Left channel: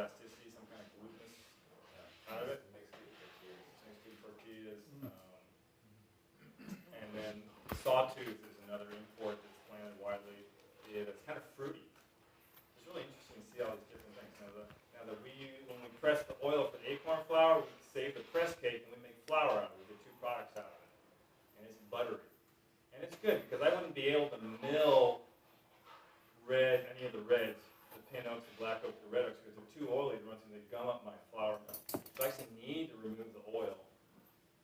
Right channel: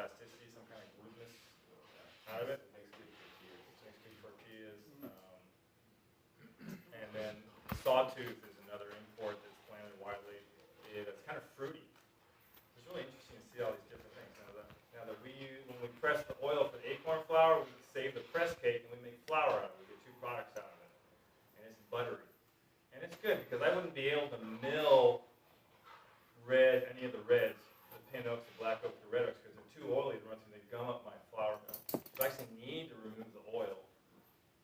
elasticity, some kind of gluteness out of it. It makes good tortillas. And then the sawtooth is another import that's planted widely. It's kind of fruity. It's really interesting to see all these different things. Now that when we press the oil for acorn flour, we save the press cake and we make flour out of it. We get two products out of it. And it's buttery. And it's good because I wouldn't be able to mill any of the reds, the pin oaks, the black oak, the red oaks, because they're too oily to run through. They gum up my flour mill. So I actually need to remove the oil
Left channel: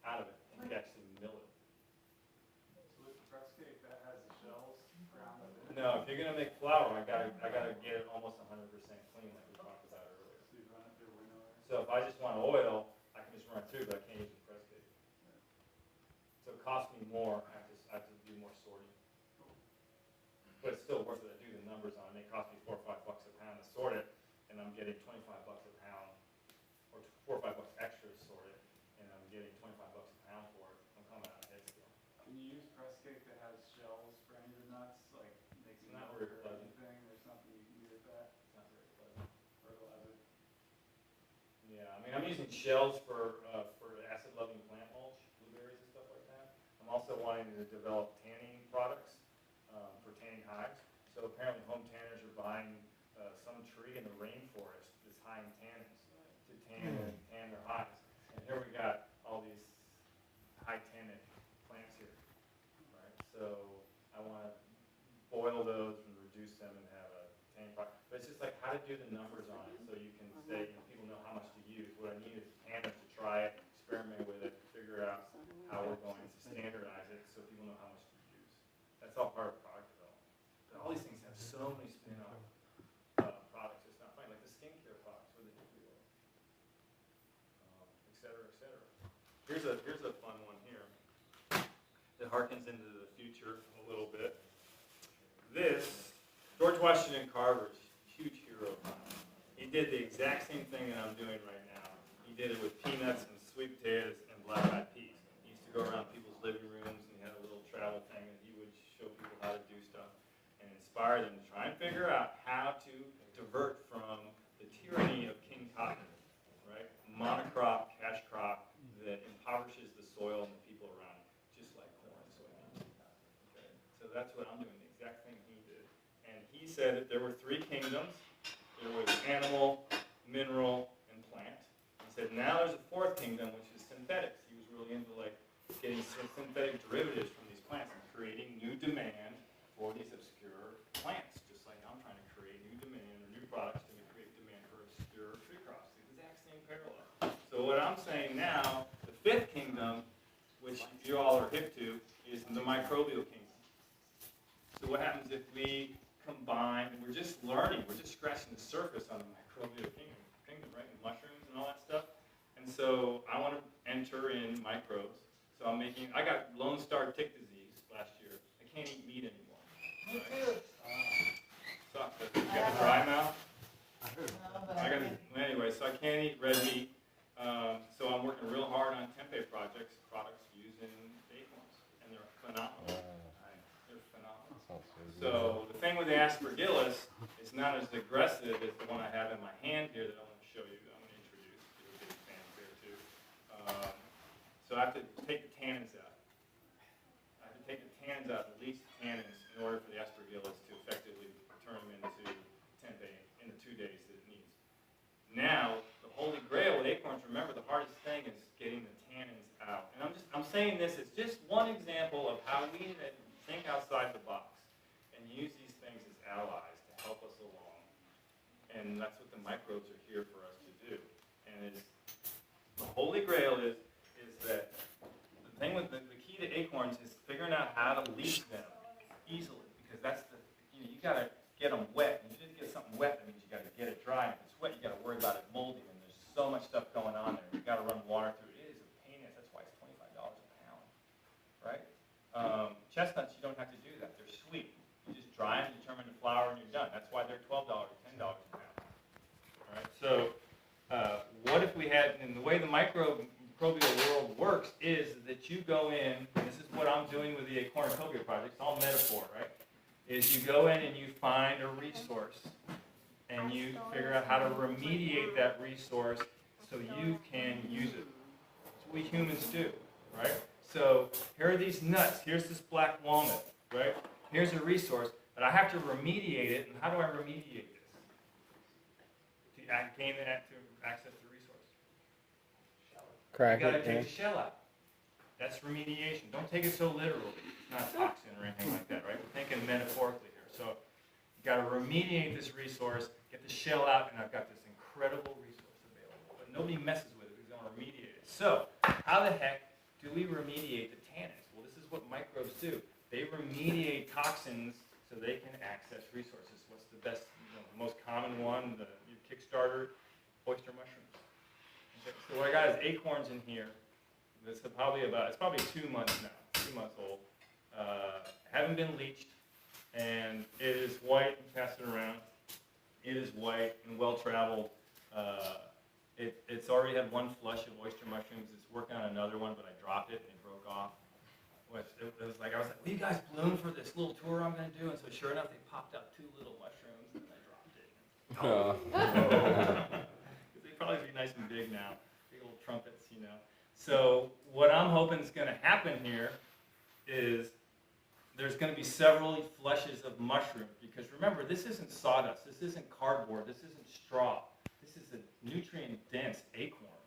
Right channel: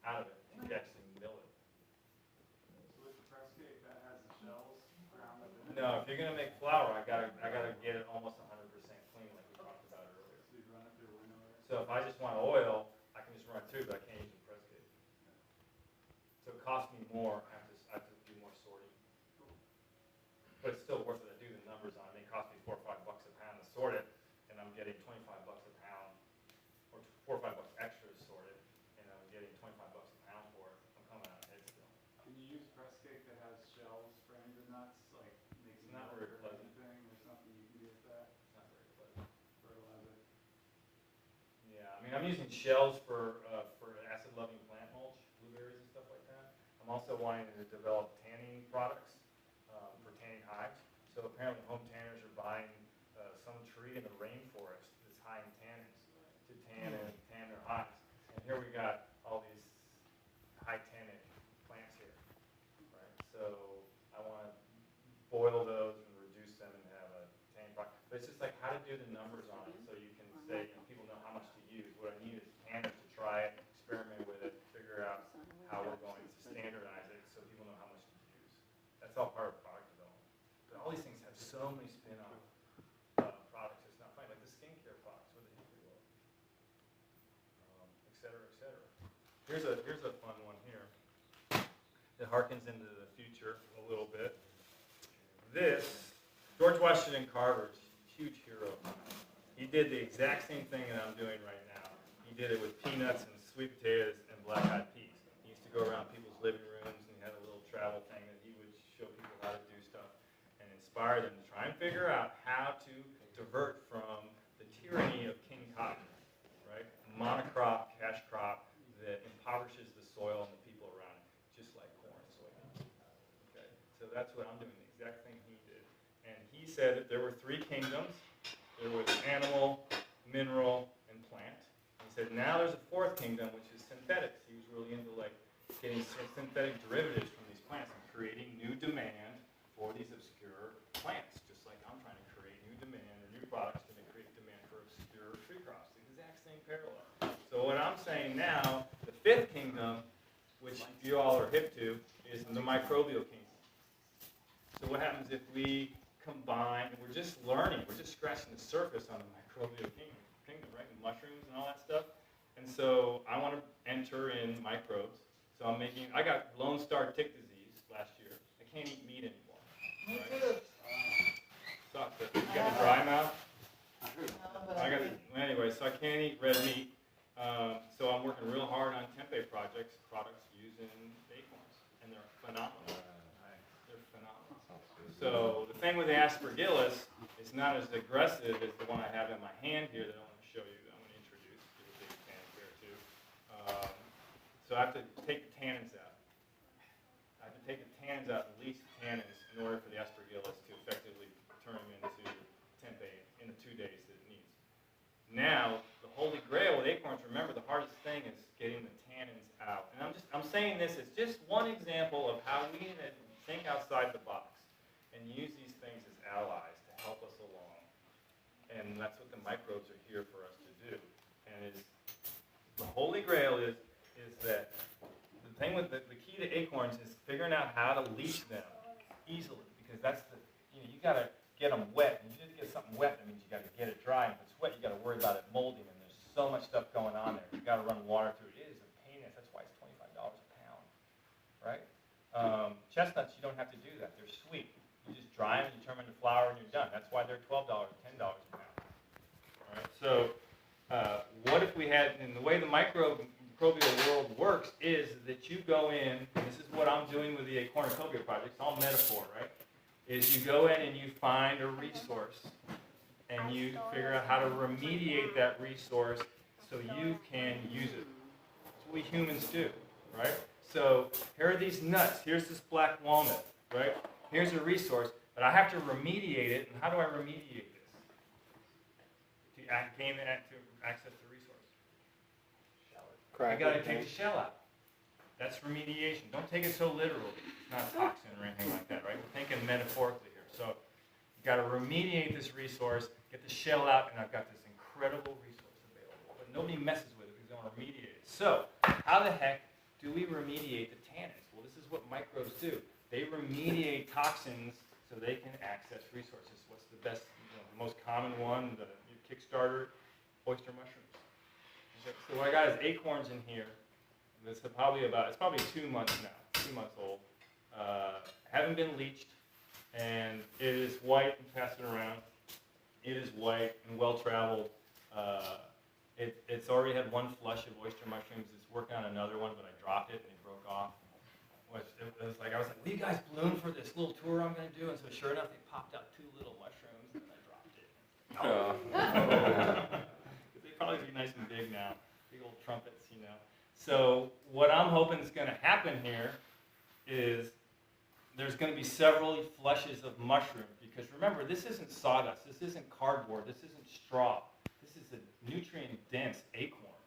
out of it and actually mill it. So with the press cake, that has the shells ground up in it? No, if you're gonna make flour, I gotta get it almost 100% clean, like we talked about earlier. So you run it through a window? So if I just want oil, I can just run it through, but I can't use the press cake. So it costs me more. I have to do more sorting. But it's still worth it. I do the numbers on it. It costs me $4 or $5 a pound to sort it, and I'm getting $25 a pound, or $4 or $5 extra to sort it, and I'm getting $25 a pound for it. I'm coming out ahead still. Can you use press cake that has shells framed in nuts, like making Not milk very or pleasant. anything? There's nothing you can do with that. It's not very pleasant. Fertilizer. Yeah, I mean, I'm using shells for acid-loving plant mulch, blueberries and stuff like that. I'm also wanting to develop tanning products for tanning hides. So apparently home tanners are buying some tree in the rainforest that's high in tannins to tan their hides. And here we got all these high tannin plants here, right? So I want to boil those and reduce them and have a tanning product. But it's just like how to do the numbers on it so you can say, people know how much to use. What I need is tanners to try it, experiment with it, figure out how we're going to standardize it so people know how much to use. That's all part of product development. But all these things have so many spin-off products. It's not funny, like the skincare products with the hickory oil, et cetera, et cetera. Here's a fun one here. It harkens into the future a little bit. This, George Washington Carver's huge hero. He did the exact same thing that I'm doing right now. He did it with peanuts and sweet potatoes and black-eyed peas. He used to go around people's living rooms and he had a little travel thing that he would show people how to do stuff and inspire them to try and figure out how to divert from the tyranny of King Cotton, right? Monocrop, cash crop that impoverishes the soil and the people around it, just like corn and soybeans. Okay? So that's what I'm doing, the exact thing he did. And he said that there were three kingdoms. There was animal, mineral, and plant. He said now there's a fourth kingdom, which is synthetics. He was really into like getting synthetic derivatives from these plants and creating new demand for these obscure plants, just like I'm trying to create new demand or new products to create demand for obscure tree crops. The exact same parallel. So what I'm saying now, the fifth kingdom, which you all are hip to, is the microbial kingdom. So what happens if we combine, and we're just learning, we're just scratching the surface on the microbial kingdom, right? And mushrooms and all that stuff. And so I want to enter in microbes. So I got Lone Star tick disease last year. I can't eat meat anymore. Me too. Sucks. You got a dry mouth? Anyway, so I can't eat red meat. So I'm working real hard on tempeh products using acorns. And they're phenomenal. They're phenomenal. So the thing with the aspergillus is not as aggressive as the one I have in my hand here that I want to show you, that I want to introduce. You're a big fan here too. So I have to take the tannins out. I have to take the tannins out, the least tannins, in order for the aspergillus to effectively turn them into tempeh in the 2 days that it needs. Now, the holy grail with acorns, remember, the hardest thing is getting the tannins out. And I'm saying this as just one example of how we need to think outside the box and use these things as allies to help us along. And that's what the microbes are here for us to do. And the holy grail is that the thing with the key to acorns is figuring out how to leach them easily, because that's you got to get them wet. And if you just get something wet, that means you got to get it dry. And if it's wet, you got to worry about it molding. And there's so much stuff going on there. You got to run water through it. It is a pain. That's why it's $25 a pound, right? Chestnuts, you don't have to do that. They're sweet. You just dry them, you turn them into flour, and you're done. That's why they're $12, $10 a pound. All right. So what if we had, and the way the microbial world works is that you go in, and this is what I'm doing with the cornucopia project, it's all metaphor, right? Is you go in and you find a resource, and you figure out how to remediate that resource so you can use it. That's what we humans do, right? So here are these nuts. Here's this black walnut, right? Here's a resource, but I have to remediate it. And how do I remediate this? To gain to access the resource. Crack You got to it, take the shell out. That's remediation. Don't take it so literally. It's not toxin or anything like that, right? We're thinking metaphorically here. So you got to remediate this resource, get the shell out, and I've got this incredible resource available. But nobody messes with it because they want to remediate it. So how the heck do we remediate the tannins? Well, this is what microbes do. They remediate toxins so they can access resources. What's the best, the most common one, your Kickstarter, oyster mushrooms. Okay, so what I got is acorns in here. This is probably it's probably 2 months now, 2 months old. Haven't been leached, and it is white. Pass it around. It is white and well traveled. It's already had one flush of oyster mushrooms. It's working on another one, but I dropped it and it broke off. It was like, will you guys bloom for this little tour I'm going to do? And so sure enough, they popped out 2 little mushrooms, and I dropped it. They probably be nice and big now, big old trumpets, So what I'm hoping is going to happen here is there's going to be several flushes of mushroom, because remember, this isn't sawdust, this isn't cardboard, this isn't straw. This is a nutrient-dense acorn.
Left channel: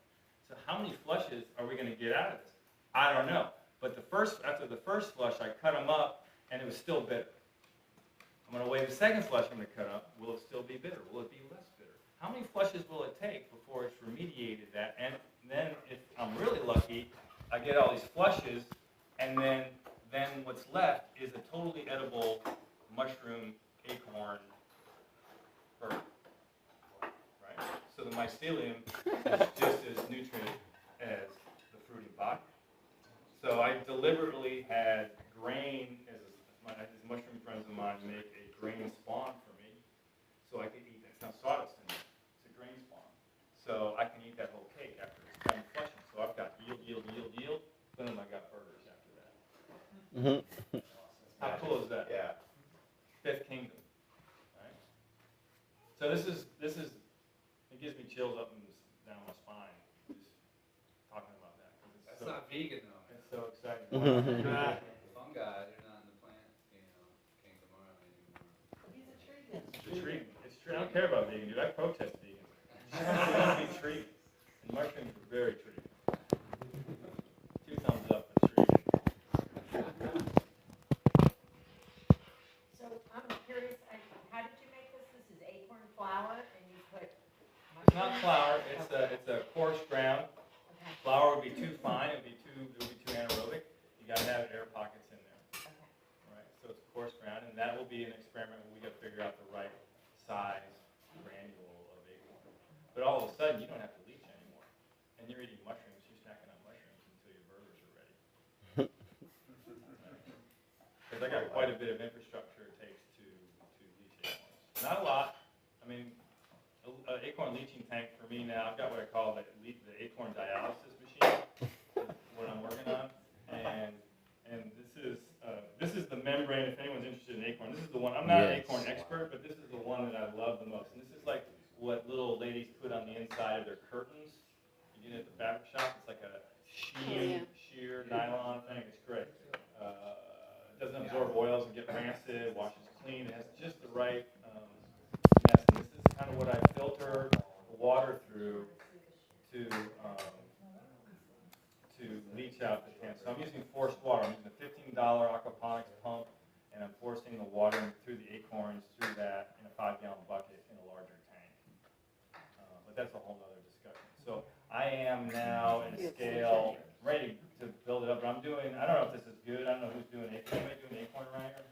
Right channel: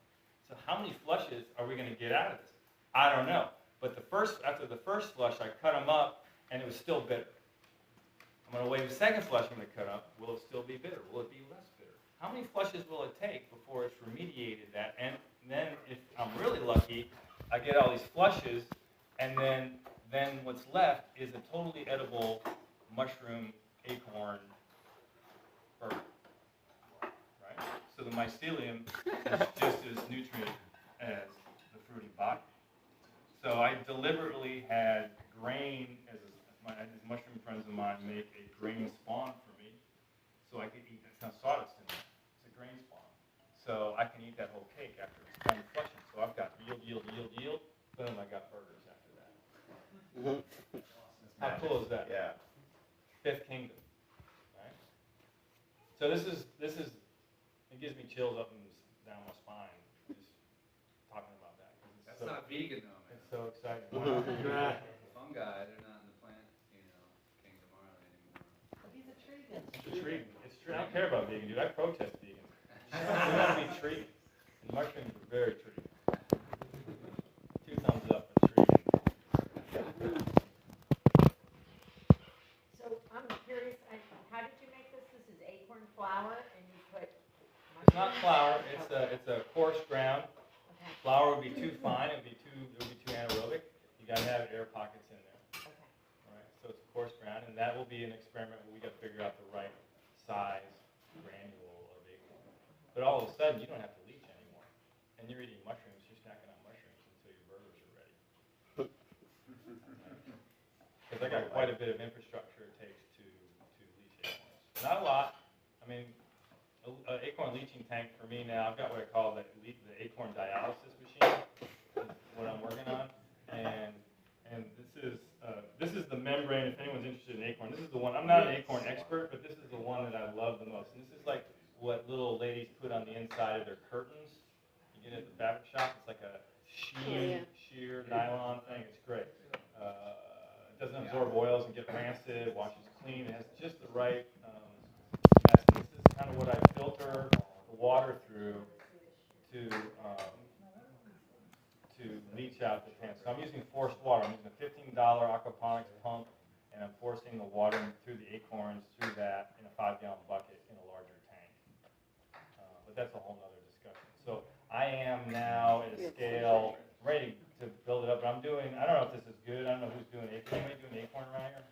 So how many flushes are we going to get out of this? I don't know. But after the first flush, I cut them up, and it was still bitter. I'm going to wait the second flush I'm going to cut up. Will it still be bitter? Will it be less bitter? How many flushes will it take before it's remediated that? And then if I'm really lucky, I get all these flushes, and then what's left is a totally edible mushroom acorn fur. Right? So the mycelium is just as nutrient as the fruity body. So I deliberately had grain, as mushroom friends of mine make a grain spawn for me, so I could eat. It's not sawdust in there. It's a grain spawn. So I can eat that whole cake after it's done flushing. So I've got yield. Boom, I got burgers after that. How cool is that? Yeah. Fifth kingdom. Right? So this is it gives me chills up and down my spine just talking about that. That's not vegan though. It's so exciting. Fungi, they're not in the plant, kingdom anymore. He's a tregan. It's a treat. I don't care about vegan, dude. I protest vegan. We want to be treated. And mushrooms are very treated. 2 thumbs up for treated. So I'm curious, how did you make this? This is acorn flour, and you put. It's not flour. It's a coarse ground. Okay. Flour would be too fine. It would be too anaerobic. You got to have air pockets in there. Okay. All right. So it's coarse ground, and that will be an experiment where we got to figure out the right size granule of acorn. But all of a sudden, you don't have to leach anymore, and you're eating mushrooms. You're snacking on mushrooms until your burgers are ready. Because I got quite a bit of infrastructure it takes to leach acorns. Not a lot. I mean, an acorn leaching tank for me now. I've got what I call the acorn dialysis machine. Is what I'm working on, and this is the membrane. If anyone's interested in acorn, this is the one. I'm not an acorn expert, but this is the one that I love the most. And this is like what little ladies put on the inside of their curtains. You get it at the fabric shop. It's like a sheer nylon thing. It's great. It doesn't absorb oils and get rancid. Washes clean. It has just the right mess. And this is kind of what I filter the water through to leach out the tan. So I'm using forced water. I'm using a $15 aquaponics pump, and I'm forcing the water through the acorns through that in a 5-gallon bucket in a larger tank. But that's a whole other discussion. So I am now at a scale ready to build it up. But I don't know if this is good. I don't know who's doing acorn. Anybody doing acorn around here?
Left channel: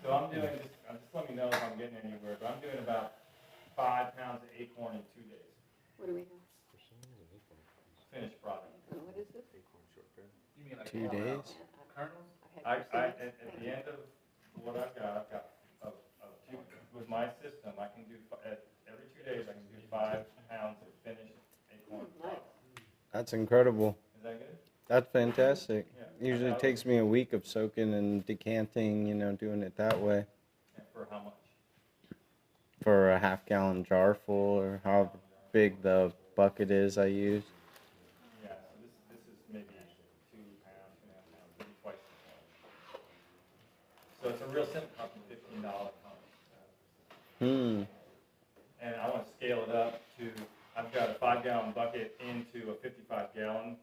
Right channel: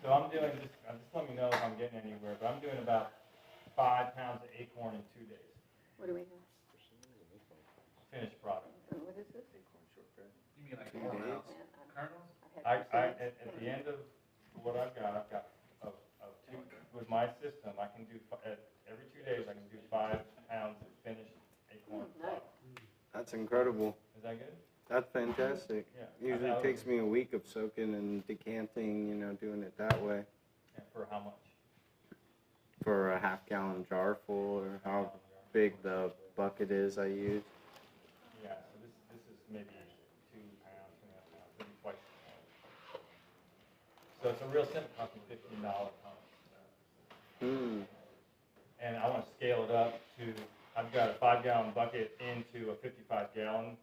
So I'm just let me know if I'm getting anywhere. But I'm doing about 5 pounds of acorn in 2 days. What do we have? Finished product. What is this? You mean like 2 days? kernels? At the end of what I've got with my system, I can do every 2 days. I can do 5 pounds of finished acorn product. That's incredible. Is that good? That's fantastic. Yeah. Usually it takes me a week of soaking and decanting, doing it that way. And for how much? for a half-gallon jar full, or how big the bucket is I use. Yeah, so this is maybe 2 pounds, 2.5 pounds, maybe twice as much. So it's a real simple, costing $15 pump. And I want to scale it up to, I've got a 5-gallon bucket into a 55-gallon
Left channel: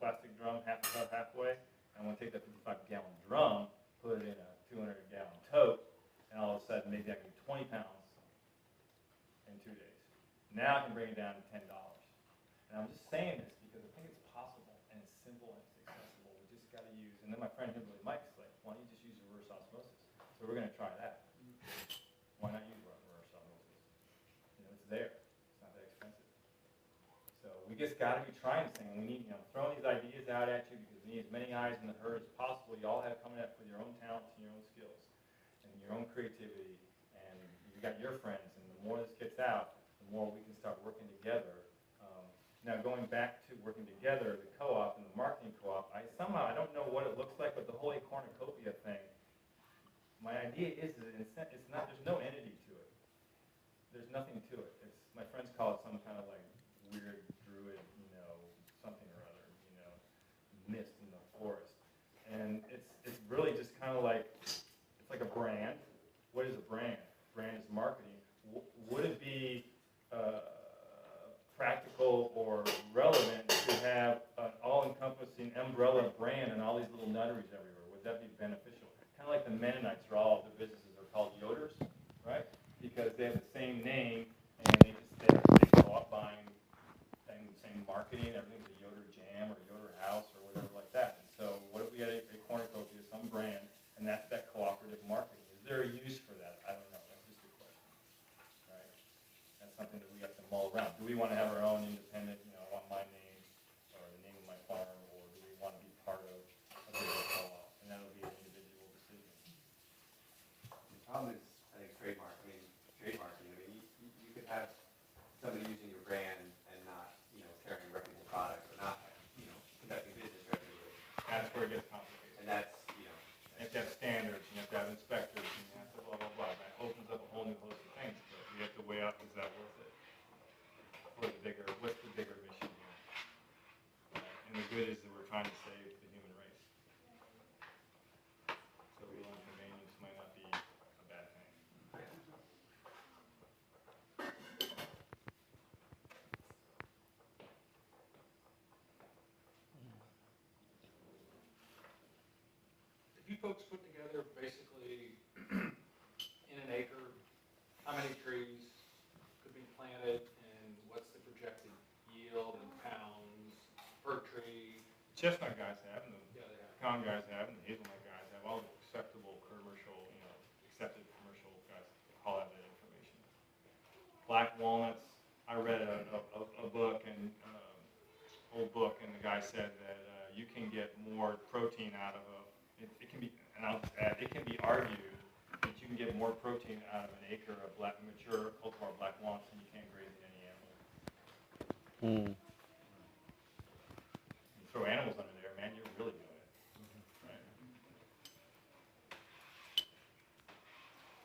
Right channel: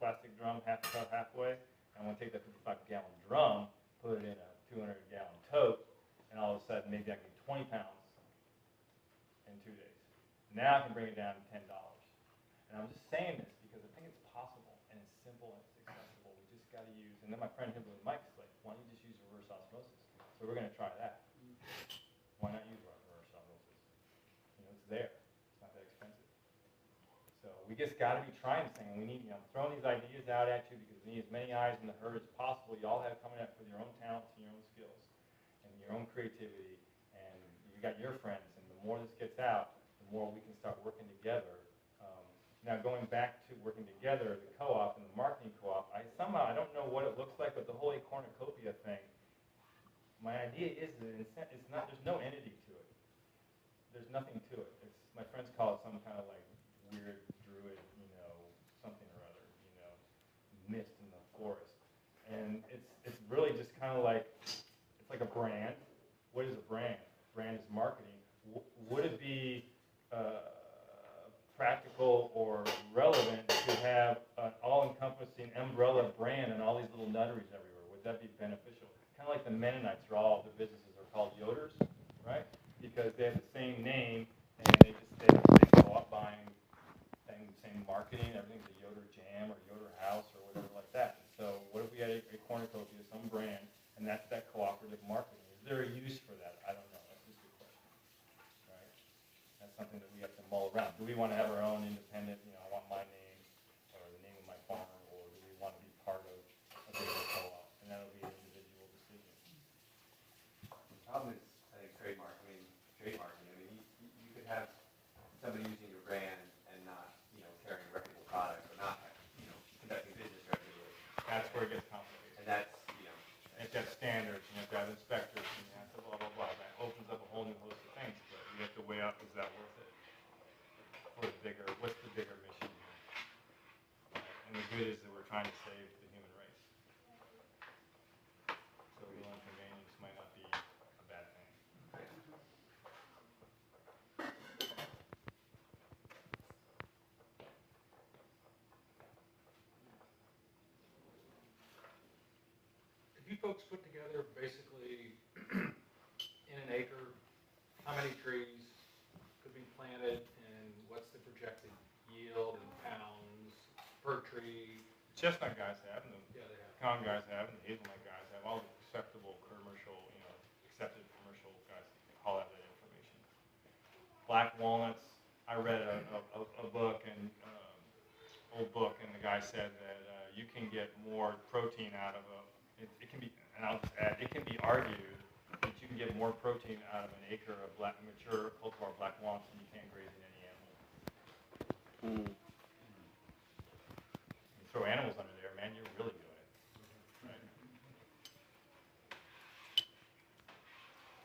plastic drum, halfway. And I want to take that 55-gallon drum, put it in a 200-gallon tote, and all of a sudden maybe I can do 20 pounds in 2 days. Now I can bring it down to $10. And I'm just saying this because I think it's possible, and it's simple, and it's accessible. We just got to use, and then my friend Himbley Mike's like, why don't you just use reverse osmosis? So we're going to try that. Why not use reverse osmosis? You know, it's there. It's not that expensive. So we just got to be trying this thing. We need, I'm throwing these ideas out at you because we need as many eyes in the herd as possible. You all have coming up with your own talents and your own skills and your own creativity, and you got your friends. And the more this gets out, the more we can start working together. Now going back to working together, the co-op and the marketing co-op, I don't know what it looks like, but the whole cornucopia thing, my idea is that it's not, there's no entity to it. There's nothing to it. It's, my friends call it some kind of like weird druid, something or other, mist in the forest. And it's really just kind of like, it's like a brand. What is a brand? Brand is marketing. Would it be practical or relevant to have an all-encompassing umbrella brand and all these little nutteries everywhere? Would that be beneficial? Kind of like the Mennonites, where all the businesses are called Yoders, right? Because they have the same name, and they go up buying same marketing, everything's a Yoder Jam or Yoder House or whatever like that. And so what if we had a cornucopia, some brand, and that's that cooperative marketing? Is there a use for that? I don't know. That's just a question, right? That's something that we have to mull around. Do we want to have our own independent, I want my name or the name of my farm, or do we want to be part of a bigger co-op? And that'll be an individual decision. The problem is, I think, trademarking. I mean, you could have somebody using your brand and not, carrying a reputable product, or not, conducting business regularly. That's where it gets complicated. And that's, You have to have standards, you have to have inspectors, and you have to blah, blah, blah. That opens up a whole new host of things, but you have to weigh up, is that worth it? What's the bigger mission here? And the good is that we're trying to save the human race. So a little inconvenience might not be a bad thing. If you folks put together basically in an acre, how many trees could be planted and what's the projected yield in pounds per tree? Chestnut guys have, and the Yeah, they have. pecan guys have, and the hazelnut guys have, all the acceptable commercial, accepted commercial guys all have that information. Black walnuts, I read a book, and old book, and the guy said that you can get more protein out of it can be, and I'll just add, it can be argued that you can get more protein out of an acre of mature cultivar black walnuts than you can grazing any animal. You throw animals under there, man, you're really doing it. Right?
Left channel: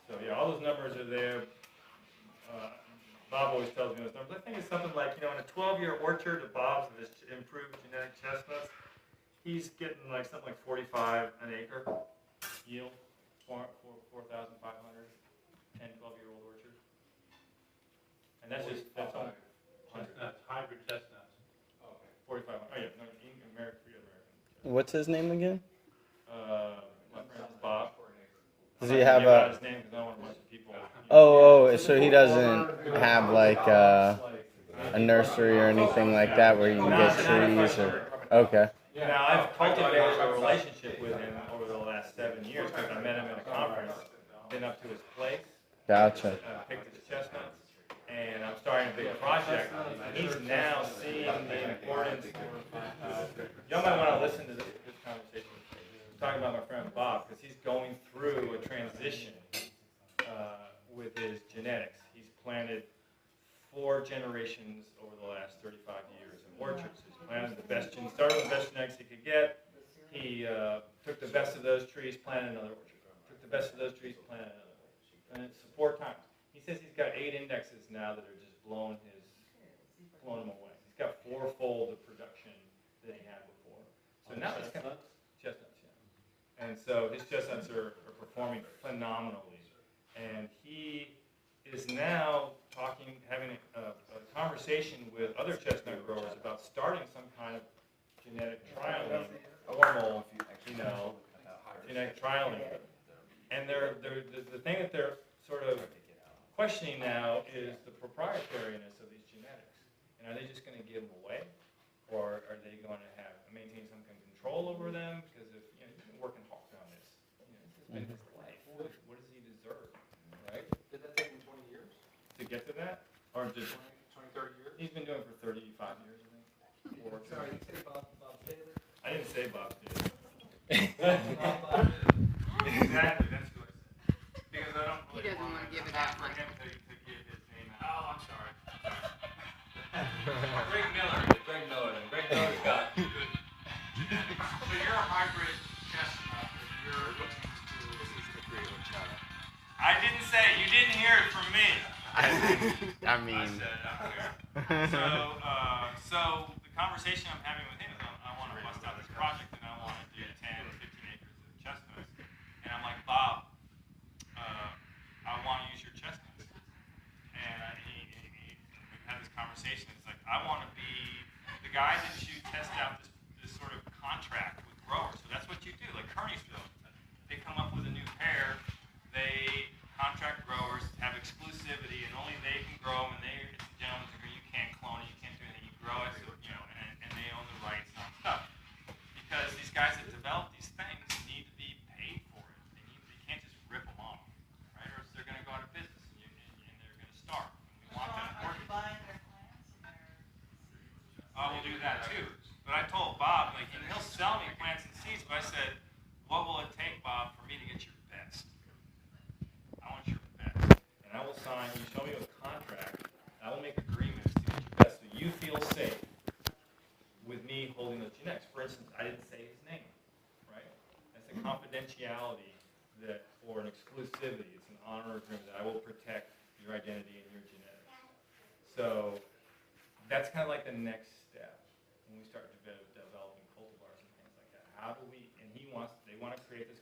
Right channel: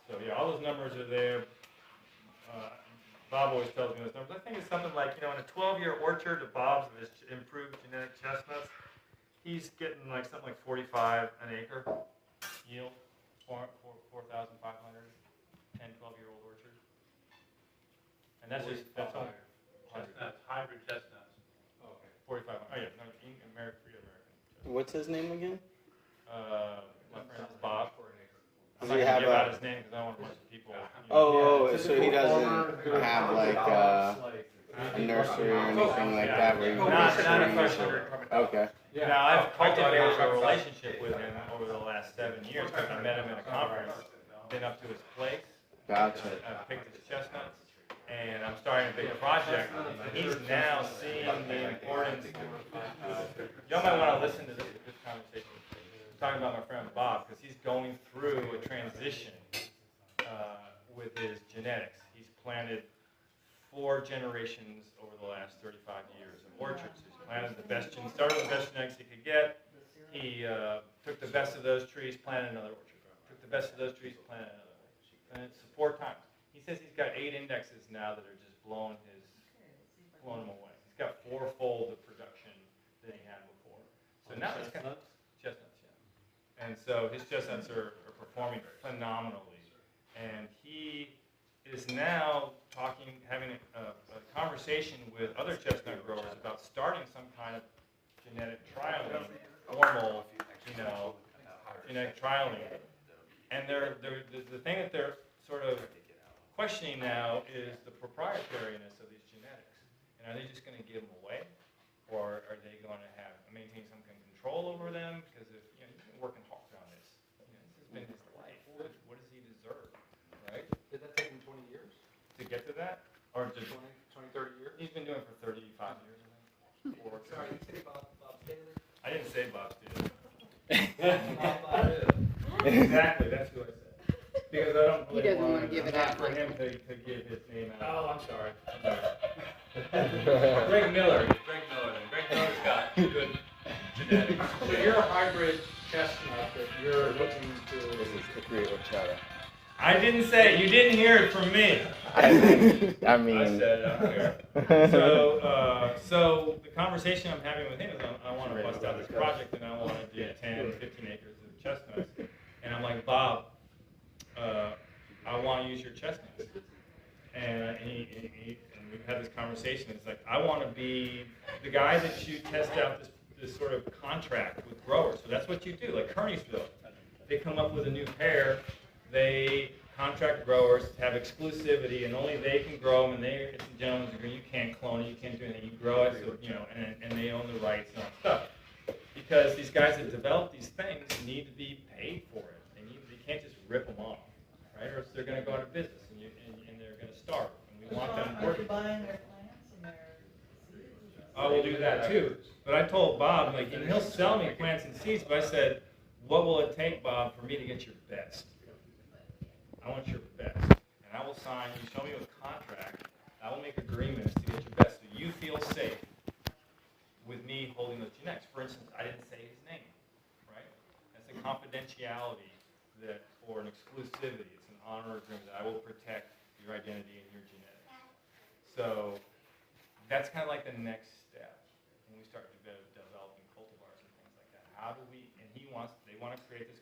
So yeah, all those numbers are there. Bob always tells me those numbers. I think it's something like, in a 12-year orchard of Bob's with his improved genetic chestnuts, he's getting like something like 45 an acre yield, 4,500, 10, 12-year-old orchard. And that's just, that's only chestnuts, hybrid chestnuts. okay, 4,500. Oh yeah, no, American. What's his name again? My friend is Bob. Does he have a? a? His name because I don't want a bunch of people. So he doesn't have like a nursery or anything like that where you can get trees or. Okay. Now, I've cultivated a relationship with him over the last 7 years because I met him at a conference, been up to his place. Gotcha. I've picked his chestnuts, and I'm starting a big project. He's now seeing the importance. Y'all might want to listen to this conversation. I'm talking about my friend Bob because he's going through a transition with his genetics. He's planted 4 generations over the last 35 years of orchards. He's planted the best, started with the best genetics he could get. He took the best of those trees, planted another orchard. Took the best of those trees, planted another orchard. And it's 4 times. He says he's got 8 indexes now that are just blowing him away. He's got 4-fold the production that he had before. So now it's kind of chestnuts, yeah. And so his chestnuts are performing phenomenally. And he is now having a conversation with other chestnut growers about starting some kind of genetic trialing, formal, genetic trialing. And the thing that they're sort of questioning now is the proprietariness of these genetics. And are they just going to give them away, or are they going to maintain some kind of control over them? Because if you've been working hard on this, this has been his life. What does he deserve, right? Did that take him 20 years? To get to that, or just 20, 30 years? he's been doing it for 35 years, I think. Sorry, you say Bob Taylor? I didn't say Bob Taylor. Bob Exactly, that's who I said. Because I don't really doesn't want wanna give it not out, for Mike. him to give his name out. Oh, I'm sorry. Greg Miller. Greg Miller's got good genetics. So you're a hybrid chestnut that you're looking to. To create horchata. I didn't say it. You didn't hear it from me. I I mean, said it. I don't care. So the conversation I'm having with him is I want to bust out this project and I want to do 10, 15 acres of chestnuts. And I'm like, Bob, I want to use your chestnuts. And we've had this conversation. It's like, I want to be the guy that you test out this sort of contract with growers. So that's what you do. Like Kearneysville, they come up with a new pair. They contract growers to have exclusivity, and only they can grow them. And it's a gentleman's agreement. You can't clone it. You can't do anything. You grow it, so, and they own the rights and all that stuff. Because these guys that develop these things need to be paid for it. They can't just rip them off, right? Or else they're going to go out of business, and they're going to starve. And we want them working. Oh, we'll do that too. But I told Bob, and he'll sell me plants and seeds, but I said, what will it take, Bob, for me to get your best? I want your best. And I will sign, you show me a contract, I will make agreements to get your best so you feel safe with me holding those genetics. For instance, I didn't say his name, right? That's a confidentiality or an exclusivity. It's an honor agreement that I will protect your identity and your genetics. So that's kind of like the next step when we start developing cultivars and things like that. How do we? And they want to create this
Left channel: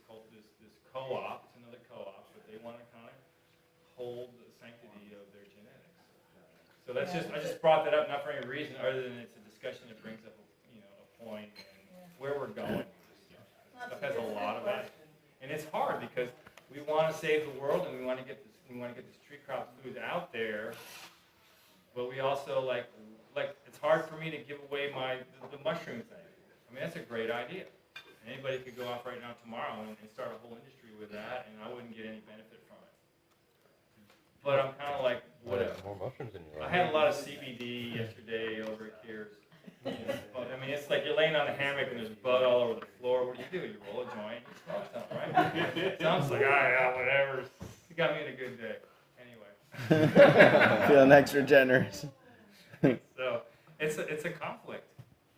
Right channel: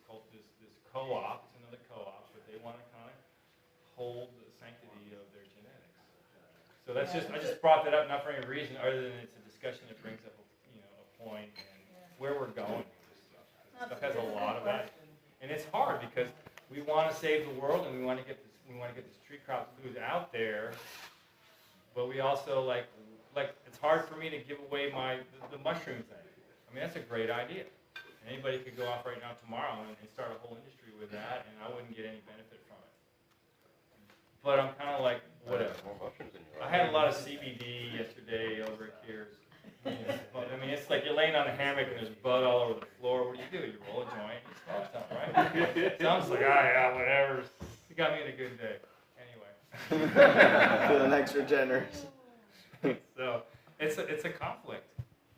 co-op. It's another co-op, but they want to kind of hold the sanctity of their genetics. So that's I just brought that up not for any reason other than it's a discussion that brings up a point and where we're going with this stuff. This stuff has a lot of value, and it's hard because we want to save the world and we want to get this tree crop food out there, but we also it's hard for me to give away the mushroom thing. I mean, that's a great idea. Anybody could go off right now tomorrow and start a whole industry with that, and I wouldn't get any benefit from it. But I'm kind of like, whatever. More mushrooms in your I had a lot of CBD yesterday over here. I mean, it's like you're laying on a hammock and there's bud all over the floor. What do? You roll a joint, you smoke something, right? So I'm just like, yeah, whatever. You got me in a good day. Anyway. feeling extra generous. So it's a conflict.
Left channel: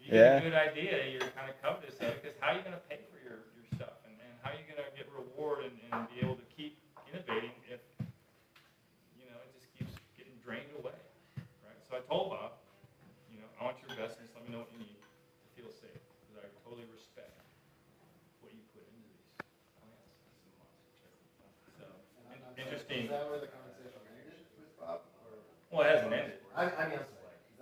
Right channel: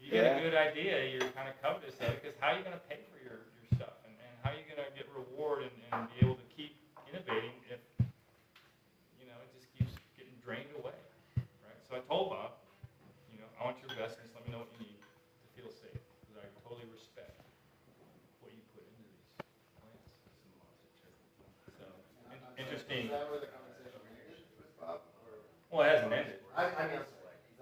You get a good idea, you're kind of covetous of it, because how are you going to pay for your stuff? And how are you going to get reward and be able to keep innovating if, it just keeps getting drained away, right? So I told Bob, I want your best, and just let me know what you need to feel safe, because I totally respect what you put into these plants. So, interesting. Is that where the conversation ended with Bob? Well, it hasn't ended. I mean, is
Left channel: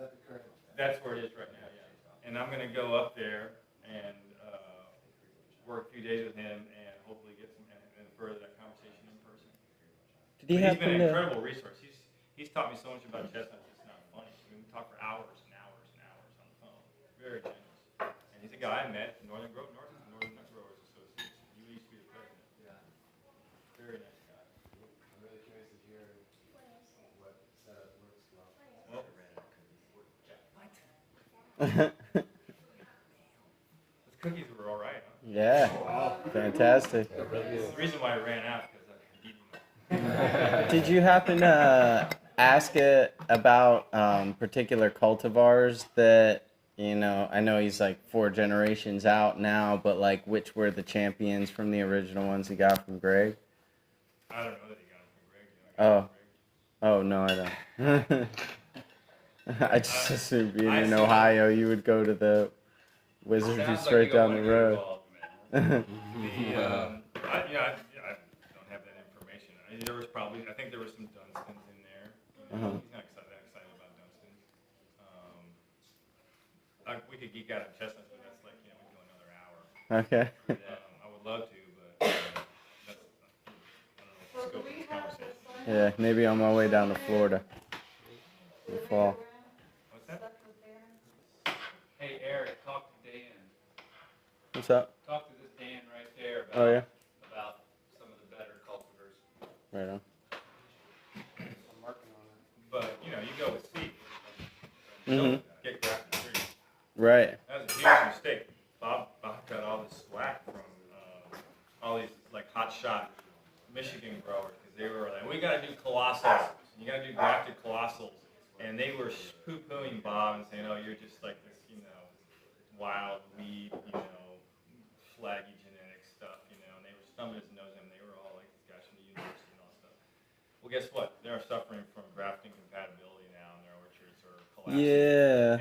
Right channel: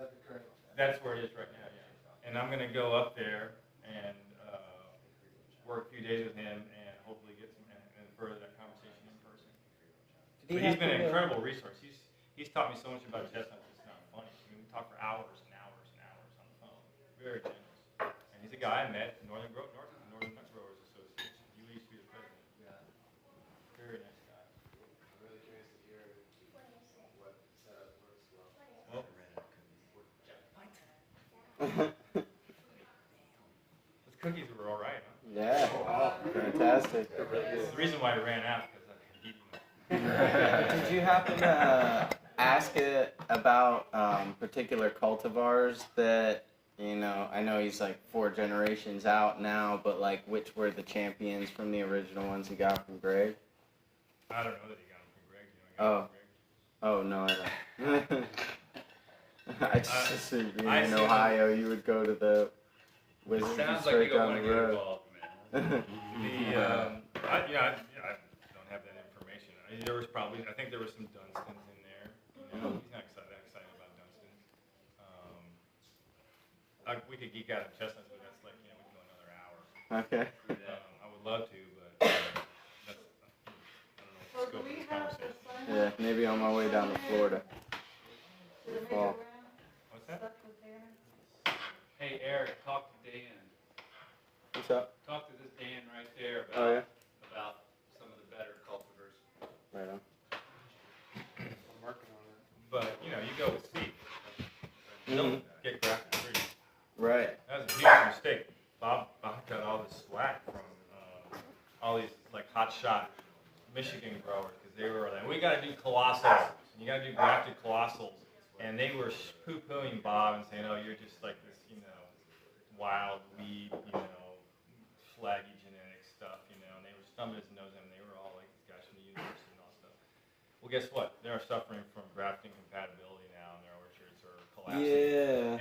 that the current? That's where it is right now, yeah. And I'm going to go up there and work a few days with him and hopefully get some and further that conversation in person. But he's been an incredible resource. He's taught me so much about chestnuts. It's not funny. I mean, we talk for hours and hours and hours on the phone. Very generous. And he's a guy I met at the Northern Nut Growers Association. He used to be the president. Yeah. Very nice guy. I'm really curious to hear what setup works well. Well, those cookies were all right, huh? Yeah, fantastic. The reason why I ran out because I had eaten them. Did you happen to ask it about particular cultivars that, I know he's like 4 generations out now, but which were the champions from the original ones he got from Greg? I don't know that he got them from Greg. Oh. Oh no, I don't. I just assumed being I in see. Ohio, you would go to the Wizards Sounds straight like you down don't the wanna get road. involved, man. I don't have that information. There was probably, I think there was some Dunstons in there. He's not that excited about Dunstons. We could geek out on chestnuts, but that's like, we could go another hour. Okay. I would love to, but that's, I don't know So what the do scope of we this have conversation. the sun? Yeah, maybe on my way down to Florida in the fall. What's that? Hey, Eric, talk to Dan. What's up? Talk to this Dan right there about, Oh yeah. about some of the better cultivars. Right on. I'm working on it. But, you go with seed. Mhm. Don't get grafted trees. Right. That was a huge mistake. Bob got all this slack from all these like hot shot Michigan growers because they were like, we got to do colossals. You got to do grafted colossals, and they were poo-pooing Bob and saying, oh, you're just like this, wild weed, flaggy genetic stuff, and they were thumbing his nose at him. They were all like these guys from the university and all stuff. Well, guess what? They're suffering from grafting compatibility now, and their orchards are collapsing. Yeah.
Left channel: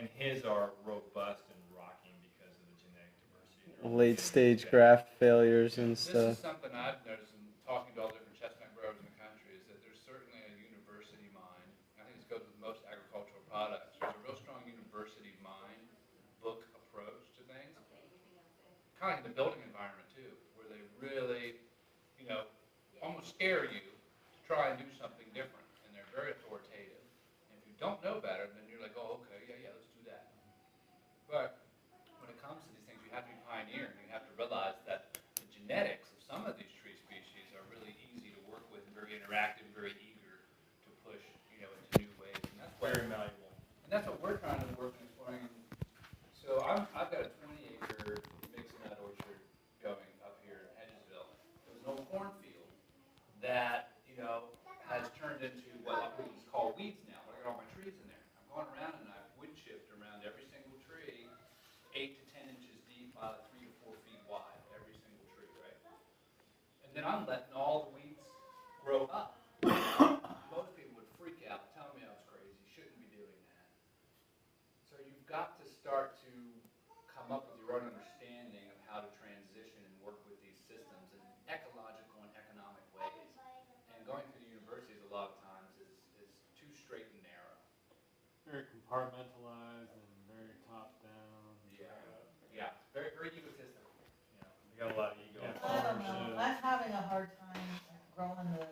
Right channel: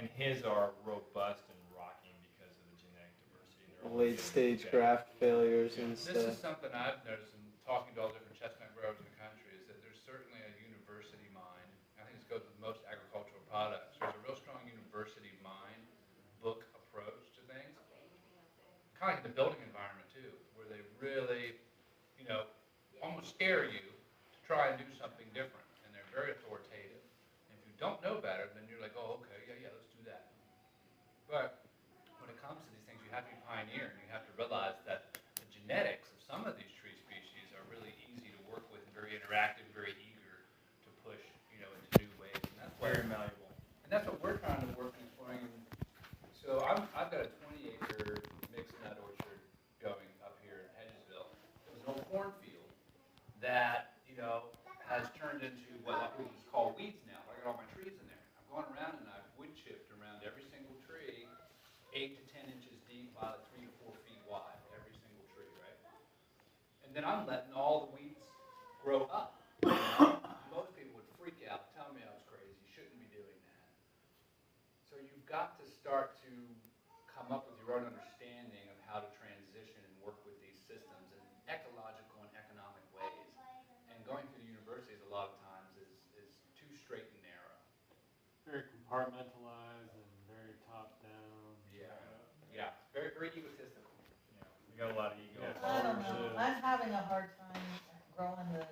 And his are robust and rocking because of the genetic diversity. Late stage graft failures and This stuff. is something I've noticed in talking to all different chestnut growers in the country, is that there's certainly a university mind. I think this goes with most agricultural products. There's a real strong university mind, book approach to things. Kind of like in the building environment too, where they really, almost scare you to try and do something different. And they're very authoritative. And if you don't know better, then you're like, oh, okay, yeah, let's do that. But when it comes to these things, you have to be pioneering. You have to realize that the genetics of some of these tree species are really easy to work with and very interactive, very eager to push, into new ways. And that's Very malleable. and that's what we're trying to work and explain. So I've got a 20-acre mixed nut orchard going up here in Hedgesville. It was an old cornfield that, has turned into what we call weeds now. I got all my trees in there. I'm going around and I've wood chipped around every single tree, 8 to 10 inches deep by 3 to 4 feet wide, every single tree, right? And then I'm letting all the weeds grow up. Most people would freak out, tell me I was crazy, you shouldn't be doing that. So you've got to start to come up with your own understanding of how to transition and work with these systems in ecological and economic ways. And going through universities a lot of times is too straight and narrow. Very compartmentalized and very top down. Yeah, very, very egotistical. We got a lot of ego. Yeah. I don't know. I'm having a hard time growing the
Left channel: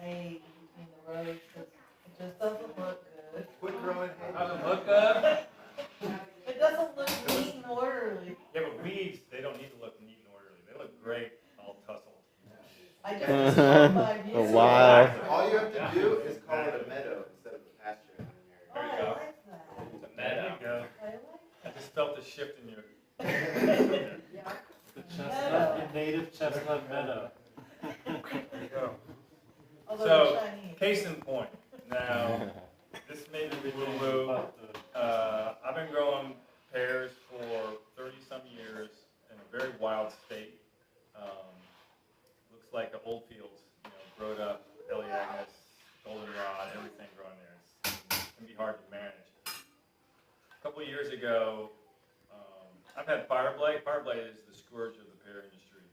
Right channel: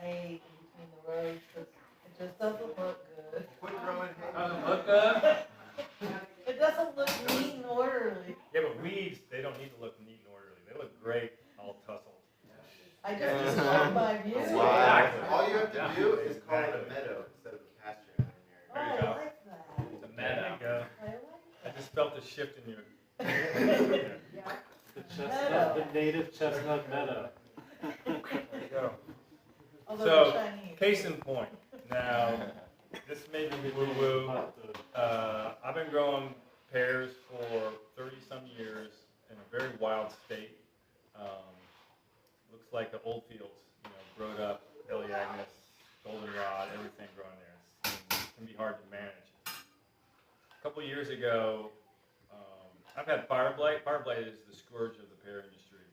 hay between the rows because it just doesn't look good. Quit growing hay. Doesn't look good. It doesn't look neat and orderly. Yeah, but weeds, they don't need to look neat and orderly. They look great, all tussled. I just destroyed my views. Wow. All you have to do is call it a meadow instead of a pasture in Oh, your I area. like that. It's a There meadow. you go. I like I just felt a shift in your. The chestnut, the native chestnut meadow. There you go. although So, they're shiny. case in point. Now, this may be woo-woo. I've been growing pears for 30-some years in a very wild state. Looks like the old fields, growed up, Elaeagnus, goldenrod, everything growing there. It can be hard to manage. A couple of years ago, I've had fire blight. Fire blight is the scourge of the pear industry.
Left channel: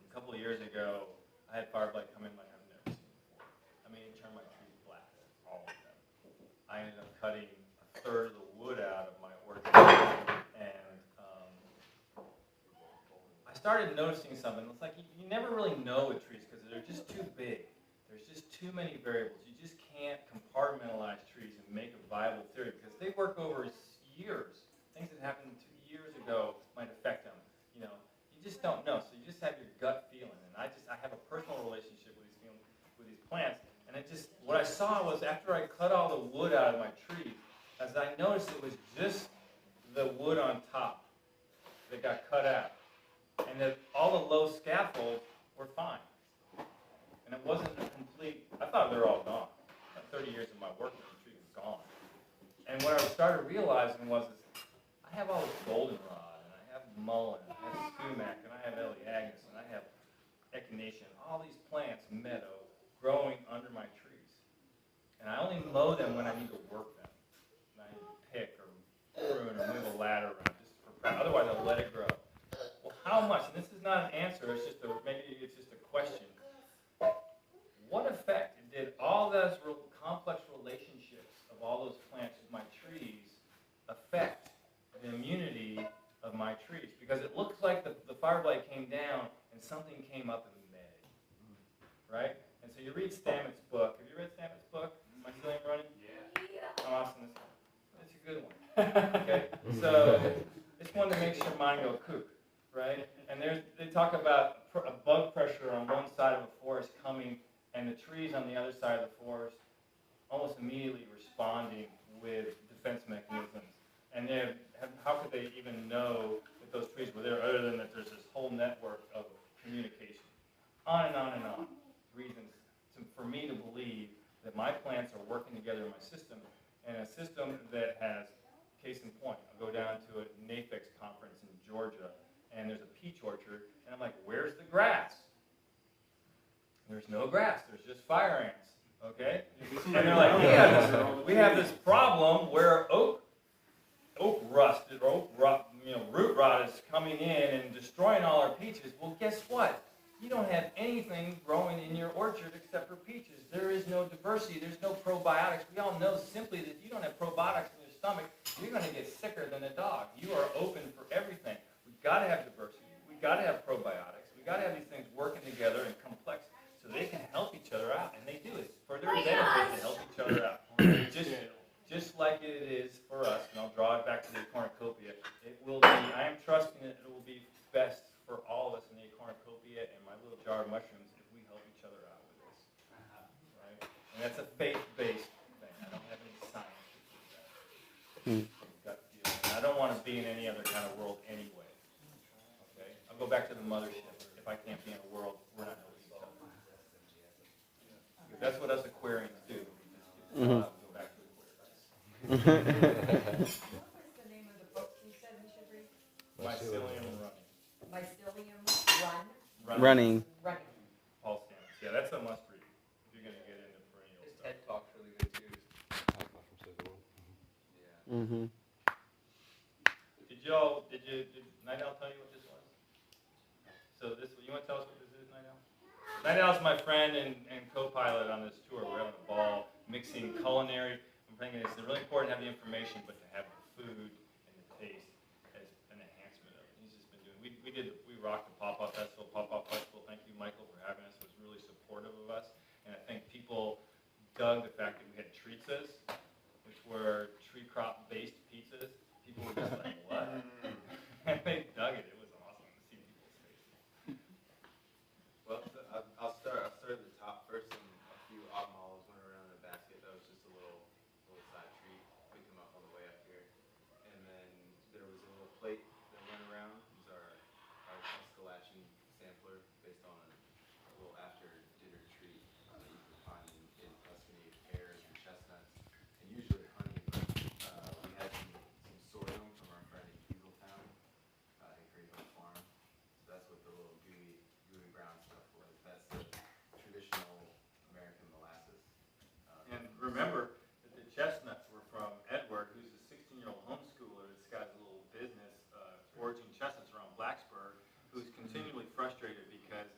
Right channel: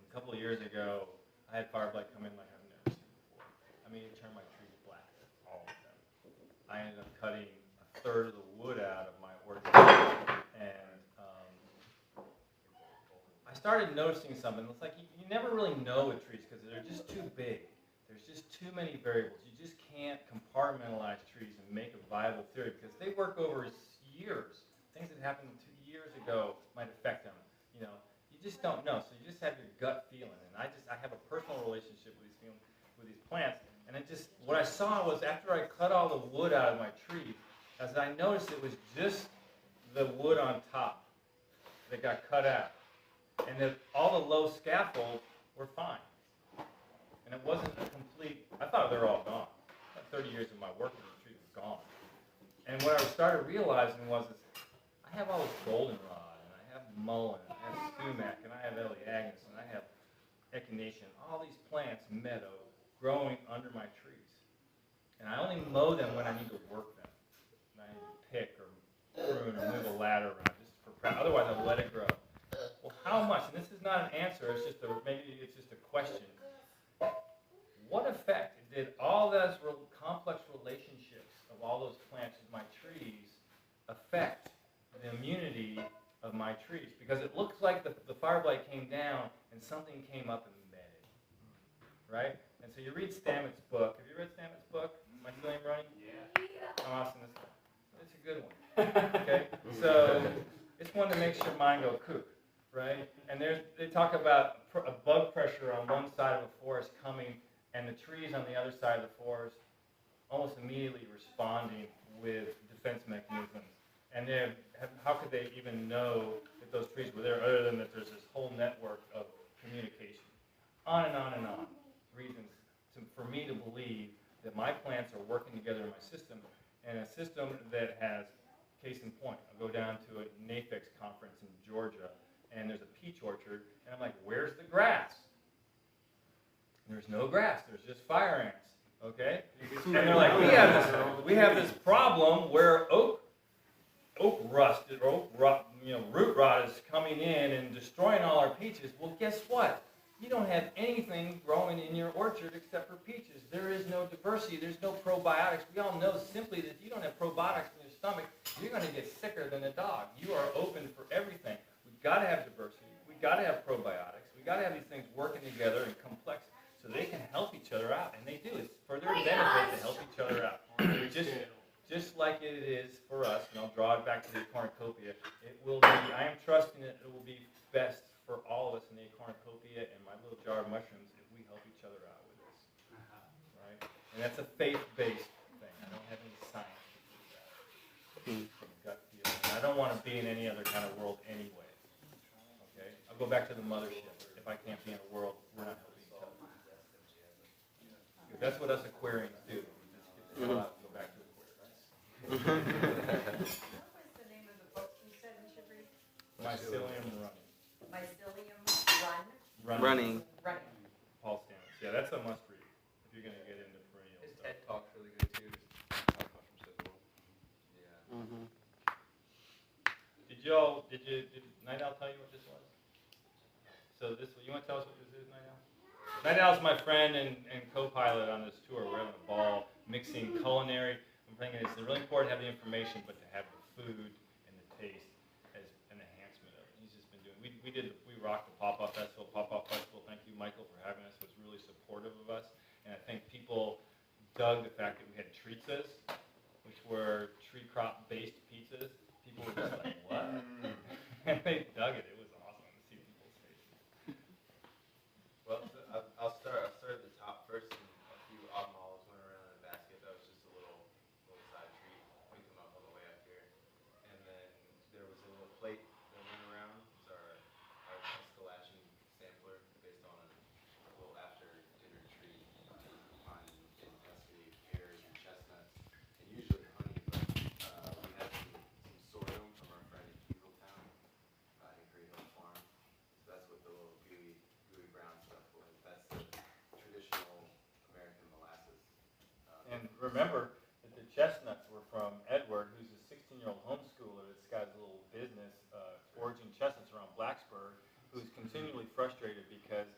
A couple of years ago, I had fire blight come in like I've never seen before. I mean, it turned my trees black, all of them. I ended up cutting a third of the wood out of my orchard, and I started noticing something. It's like you never really know with trees because they're just too big. There's just too many variables. You just can't compartmentalize trees and make a viable theory because they work over years. Things that happened 2 years ago might affect them. You just don't know. So you just have your gut feeling. And I have a personal relationship with these plants. And what I saw was after I cut all the wood out of my trees, as I noticed it was just the wood on top that got cut out. And that all the low scaffolds were fine. And it wasn't a complete, I thought they were all gone. 30 years of my work with the trees were gone. And what I started realizing was I have all this goldenrod, and I have mullein, and I have sumac, and I have Elaeagnus, and I have echinacea, all these plants, meadow, growing under my trees. And I only mow them when I need to work them. And I need to pick or prune or move a ladder around just for practice. Otherwise, I'll let it grow. Well, how much? And this is not an answer. It's just maybe it's just a question. What effect did all those complex relationships of all those plants with my trees affect the immunity of my trees? Because it looks like the fire blight came down and something came up and met it, right? And so you read Stammett's book. Have you read Stammett's book, Mycelium Running? Yeah. How awesome is that? It's a good one. Okay, so it's one to make sure mine go kook, right? And they talk about a bug pressure on one side of a forest coming, and the trees on the other side of the forest almost immediately responding with defense mechanisms. And how could they even know that those trees were there other than that there's this whole network of communication? On and on and on. Reasons for me to believe that my plants are working together in my system, and a system that has, case in point, I'll go down to a NAFEX conference in Georgia, and there's a peach orchard, and I'm like, where's the grass? There's no grass. There's just fire ants. Okay? And they're like, we have this problem where oak rust or root rot is coming in and destroying all our peaches. Well, guess what? You don't have anything growing in your orchard except for peaches. There is no diversity. There's no probiotics. We all know simply that if you don't have probiotics in your stomach, you're going to get sicker than a dog. You are open for everything. We've got to have diversity. We've got to have probiotics. We've got to have these things working together in complex so they can help each other out. And they do. It's for their benefit to help each other out. Just like it is for us, and I'll draw it back to the cornucopia, it will be, I am trusting that it will be best for all of us in the cornucopia and my little jar of mushrooms if we help each other out with this. Right? And that's a faith-based thing. I don't have any science to prove that. From gut feeling. And I don't want to be in any other kind of world anyway. Okay? I'll go back to the mothership. If I can't be in a world, we're not helping each other. That's what us aquariums do. We just get the hell out and go back to aquariums. What was the name of the book you said we should read? Mycelium Running. Mycelium Running. Running. Paul Stamets. Yeah, that's a must read if you're going to get into perennial His stuff. TED Talk's really good too. Yeah. Mm-hmm. Did Night Owl tell you what this was? So you want to tell us what this is, Night Owl? Night Owl's my friend and co-pilot on this tour. We're having a ball mixing culinary. I'm thinking it's really important to have the information, but to have the food and the taste as an enhancement of it. He's just been doing. We rocked the Pop-Up Festival. Pop-Up Festival. Thank you, Michael, for having us. It was really supportive of us, and I think people dug the fact that we had treatsas, which were tree crop based pizzas. People were just like, what? And they dug it. It was awesome to see people's faces. Well, so I'll start at the top first, and a few autumn olives went around in a basket. That was just a little side treat. Picked them up on the way up here. And then there was a little plate that went around. It was our Tuscaloosa sampler based on a little after dinner treat. On in Tuscany, pears and chestnuts, and usually honey, but we had some sorghum from our friend in Hugeltown, Hickory Hill Farm. So that's what the little gooey brown stuff was. That's the traditional American molasses. And remember that the chestnuts were from Edward, who's a 16-year-old homeschooler that's got a little business foraging chestnuts around Blacksburg, who's continually frustrated because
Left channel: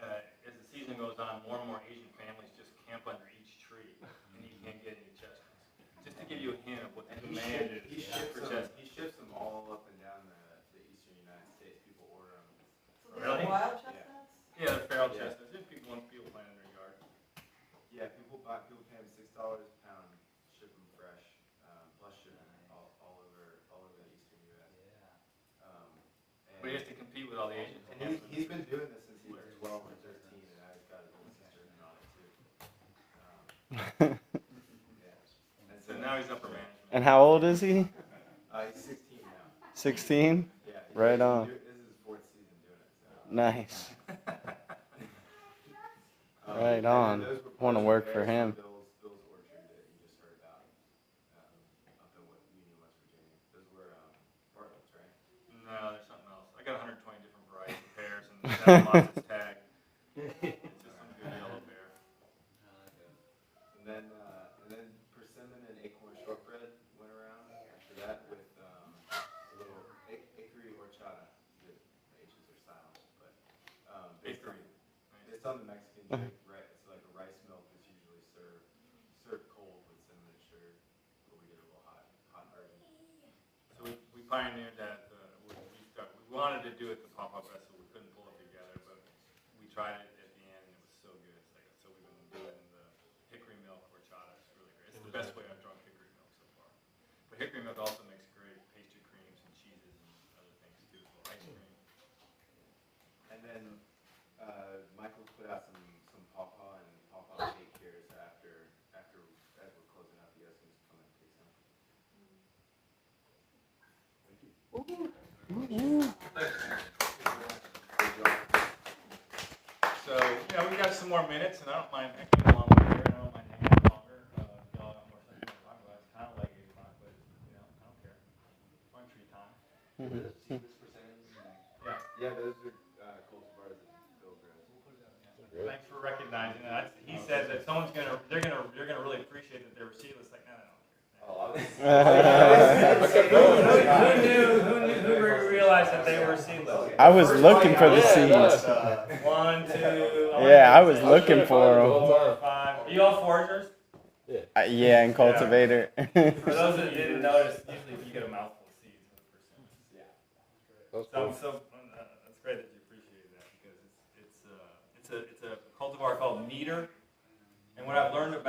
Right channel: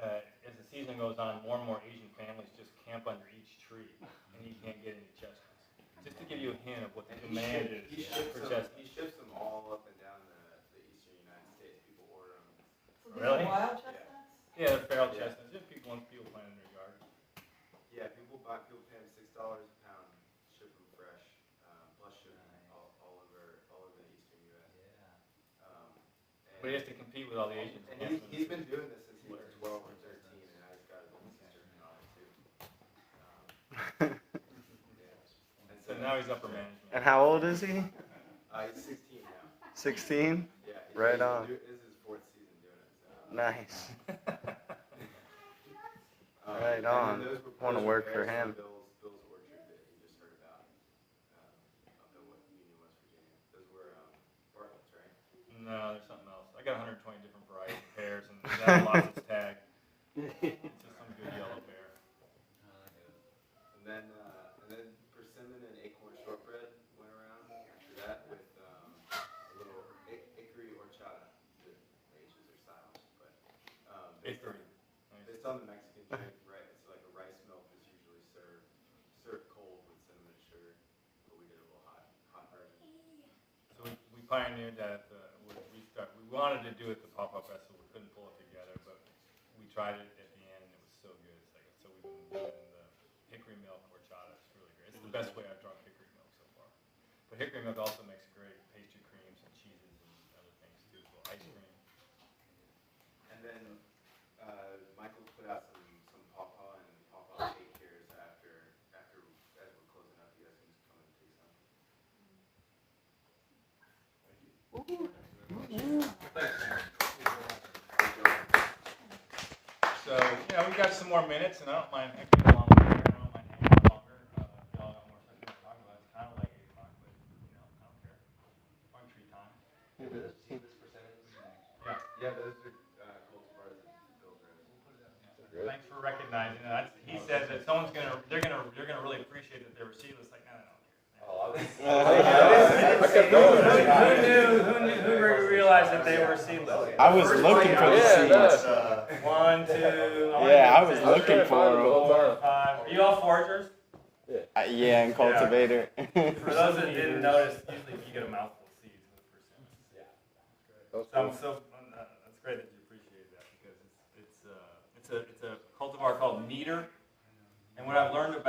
as the season goes on, more and more Asian families just camp under each tree, and he can't get any chestnuts. Just to give you a hint of what the demand is for chestnuts. He ships them all up and down the eastern United States. People order them. So these Really? are wild chestnuts? Yeah, they're feral Yeah. chestnuts. Once people plant in their yard. Yeah, people pay them $6 a pound, ship them fresh, plus shipping all over the eastern U.S. But he has to compete with all the Asians. And he's been doing this since he was 12 or 13, and now he's got his own sister in on it too. Yeah. And So now he's upper management. And how old is he? He's 16 now. 16? Yeah. Right on. This is his 4th season doing it. So. Nice. Right And on. then those were Want to partial work for pears him. from Bill's orchard that you just heard about up in Union, West Virginia. Those were Bartlett's, right? No, there's something else. I got 120 different varieties of pears, and that lost its tag. It's just some good yellow pear. And then then persimmon and acorn shortbread went around after that with a little hickory horchata. The H's are silent, but based on the Mexican drink, right? It's like a rice milk that's usually served cold with cinnamon and sugar, but we did a little hot version. So we pioneered that. We wanted to do it the pop-up festival. We couldn't pull it together, but we tried it at the end, and it was so good. It's like, so we've been doing the hickory milk horchata. It's really great. It's the best way I've drunk hickory milk so far. But hickory milk also makes great pastry creams and cheeses and other things too. So ice cream. And then Michael put out some pawpaw and pawpaw cake here after as we're closing out. You guys can just come in and do some. So, we've got some more minutes, and I don't mind hanging along here. I don't mind hanging longer. Y'all got more things to talk about. It's kind of like 8 o'clock, but, I don't care. Fun tree time. See this percentage? Yeah, those are cultivars and filters. Thanks for recognizing that. He said that they're gonna really appreciate that they were seedless. Like, no, Who realized that they were seedless? I was looking for the seeds. 1, 2. Yeah, I was looking for 4, 5. Are you all foragers? them. Yeah, and cultivator. For those that didn't notice, usually you get a mouthful of seeds with persimmons. Yeah. So that's great that you appreciate that, because it's a cultivar called meter, and what I've learned about